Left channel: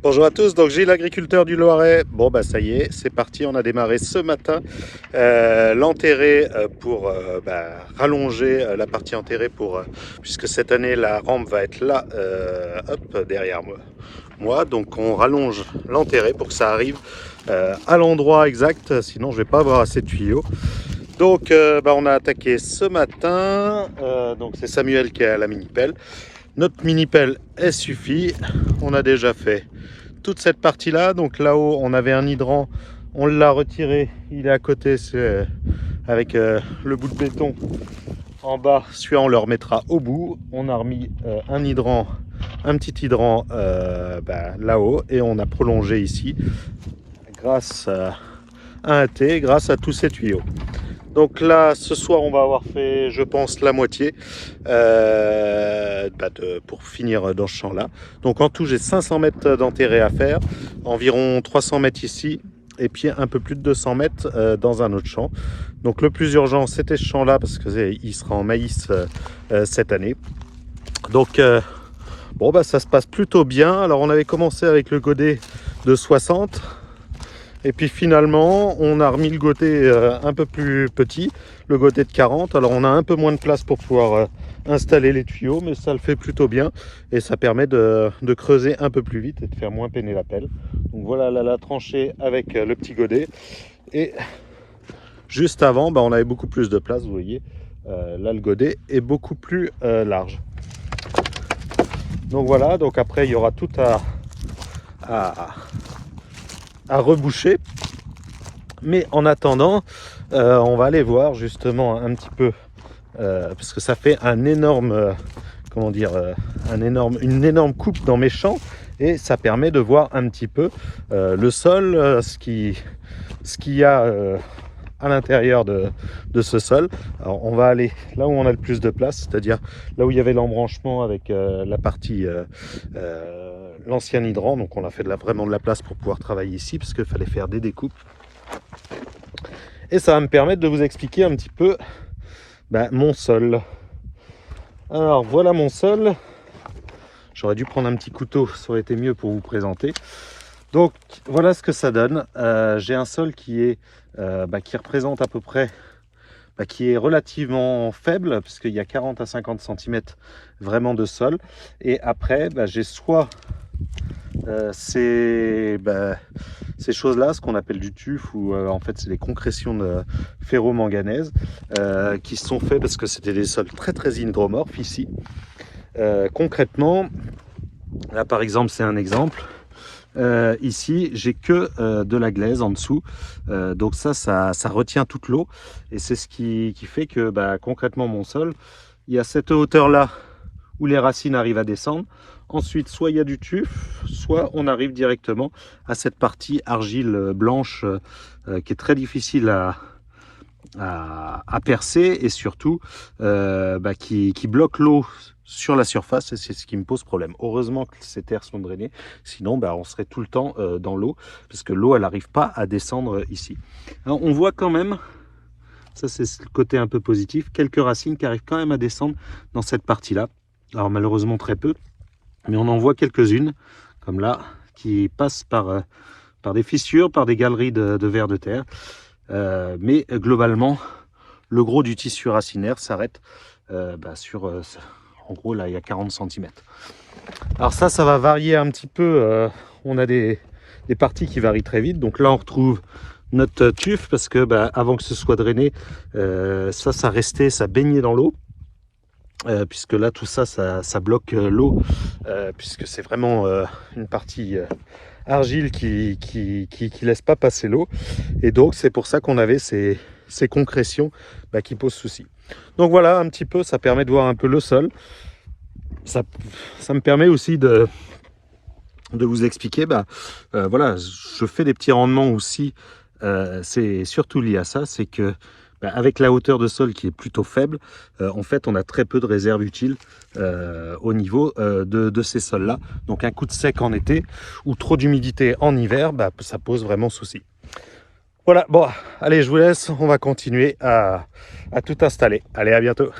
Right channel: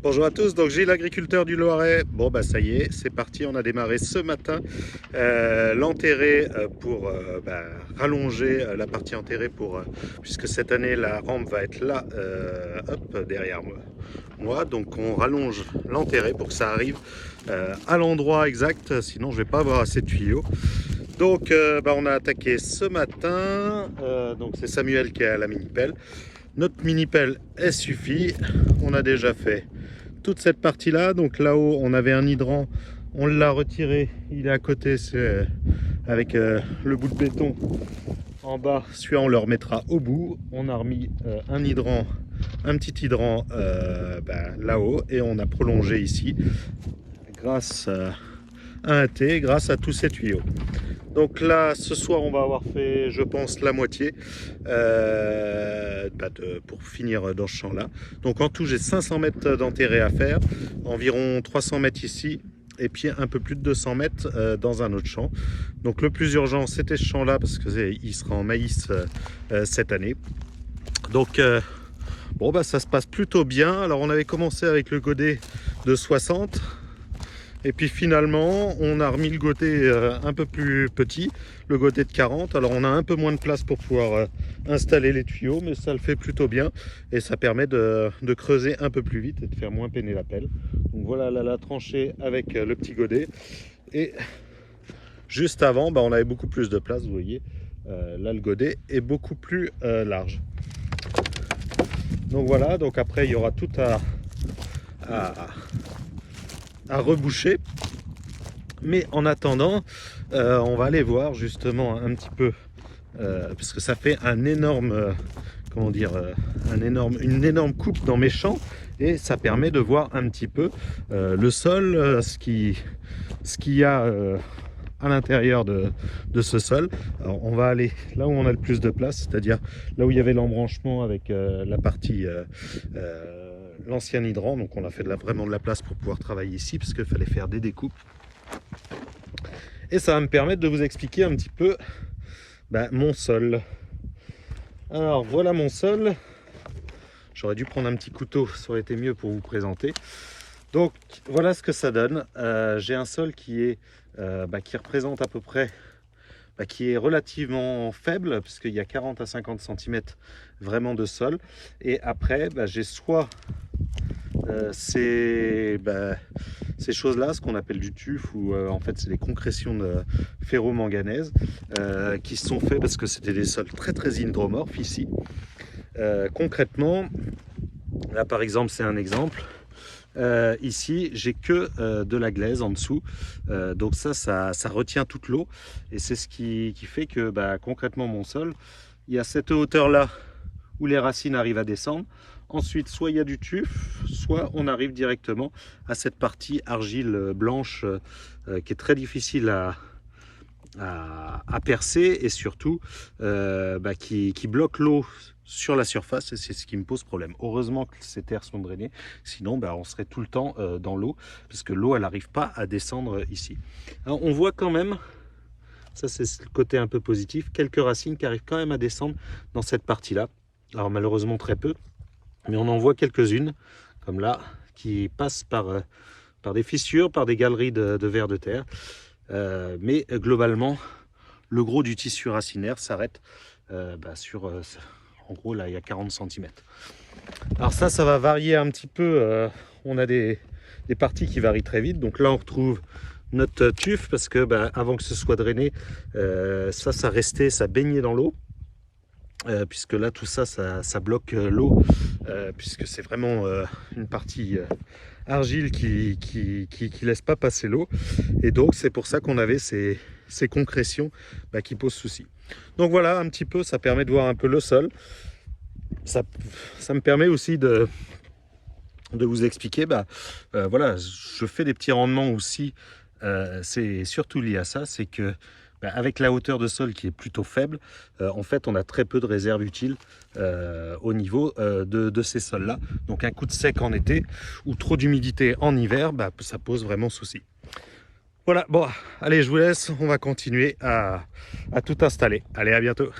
Bonjour à tous, donc Gilles, l'agriculteur du Loiret. Bon bah ça y est, c'est parti, on a démarré ce matin l'enterré pour rallonger la partie enterrée puisque cette année la rampe va être là, hop, derrière moi. Donc on rallonge l'enterré pour que ça arrive à l'endroit exact, sinon je vais pas avoir assez de tuyaux. Donc on a attaqué ce matin, donc c'est Samuel qui a la mini-pelle. Notre mini-pelle, elle suffit, on a déjà fait toute cette partie là. Donc là-haut on avait un hydrant, on l'a retiré, il est à côté, c'est avec le bout de béton en bas, celui-là on le remettra au bout. On a remis un hydrant, un petit hydrant là-haut, et on a prolongé ici grâce à un T, grâce à tous ces tuyaux. Donc là, ce soir, on va avoir fait, je pense, la moitié pour finir dans ce champ-là. Donc en tout, j'ai 500 mètres d'enterré à faire, environ 300 mètres ici, et puis un peu plus de 200 mètres dans un autre champ. Donc le plus urgent, c'était ce champ-là, parce qu'il sera en maïs cette année. Donc ça se passe plutôt bien. Alors on avait commencé avec le godet de 60. Et puis finalement, on a remis le godet un peu plus petit, le godet de 40. Alors on a un peu moins de place pour pouvoir installer les tuyaux, mais ça le fait plutôt bien. Et ça permet de creuser un peu plus vite et de faire moins peiner la pelle. Donc voilà la tranchée avec le petit godet. Et juste avant, on avait beaucoup plus de place, vous voyez. Là, le godet est beaucoup plus large. Donc voilà, donc après, il y aura tout à reboucher, mais en attendant on va aller voir justement un petit peu parce que ça fait un énorme une énorme coupe dans mes champs, et ça permet de voir un petit peu le sol, ce qu'il y a à l'intérieur de ce sol. Alors on va aller là où on a le plus de place, c'est-à-dire là où il y avait l'embranchement avec la partie l'ancien hydrant. Donc on a fait vraiment de la place pour pouvoir travailler ici, parce qu'il fallait faire des découpes, et ça va me permettre de vous expliquer un petit peu mon sol. Alors voilà mon sol. J'aurais dû prendre un petit couteau, ça aurait été mieux pour vous présenter. Donc voilà ce que ça donne. J'ai un sol qui représente à peu près, qui est relativement faible, puisqu'il y a 40 à 50 cm vraiment de sol. Et après, j'ai soit ces choses-là, ce qu'on appelle du tuf, ou en fait c'est des concrétions de ferro-manganèse qui sont faits parce que c'était des sols très très hydromorphes ici. Concrètement, là par exemple, c'est un exemple. Ici, j'ai que de la glaise en dessous, donc ça retient toute l'eau, et c'est ce qui fait que concrètement mon sol, il y a cette hauteur là où les racines arrivent à descendre. Ensuite, soit il y a du tuf, soit on arrive directement à cette partie argile blanche qui est très difficile à percer, et surtout qui bloque l'eau sur la surface, et c'est ce qui me pose problème. Heureusement que ces terres sont drainées, sinon on serait tout le temps dans l'eau, parce que l'eau elle n'arrive pas à descendre ici. Alors, on voit quand même, ça c'est le côté un peu positif, quelques racines qui arrivent quand même à descendre dans cette partie là. Alors malheureusement très peu, mais on en voit quelques-unes comme là qui passent par des fissures, par des galeries de vers de terre, mais globalement le gros du tissu racinaire s'arrête sur en gros là il y a 40 cm. Alors ça va varier un petit peu, on a des parties qui varient très vite. Donc là on retrouve notre tuf, parce que avant que ce soit drainé, ça restait, ça baignait dans l'eau, puisque là tout ça bloque l'eau, puisque c'est vraiment une partie argile qui laisse pas passer l'eau, et donc c'est pour ça qu'on avait ces concrétions qui posent souci. Donc voilà un petit peu, ça permet de voir un peu le sol. Ça me permet aussi de vous expliquer, voilà, je fais des petits rendements aussi, c'est surtout lié à ça, c'est que avec la hauteur de sol qui est plutôt faible, en fait on a très peu de réserves utiles au niveau de ces sols là. Donc un coup de sec en été ou trop d'humidité en hiver, ça pose vraiment souci. Voilà, bon allez, je vous laisse, on va continuer à tout installer. Allez, à bientôt.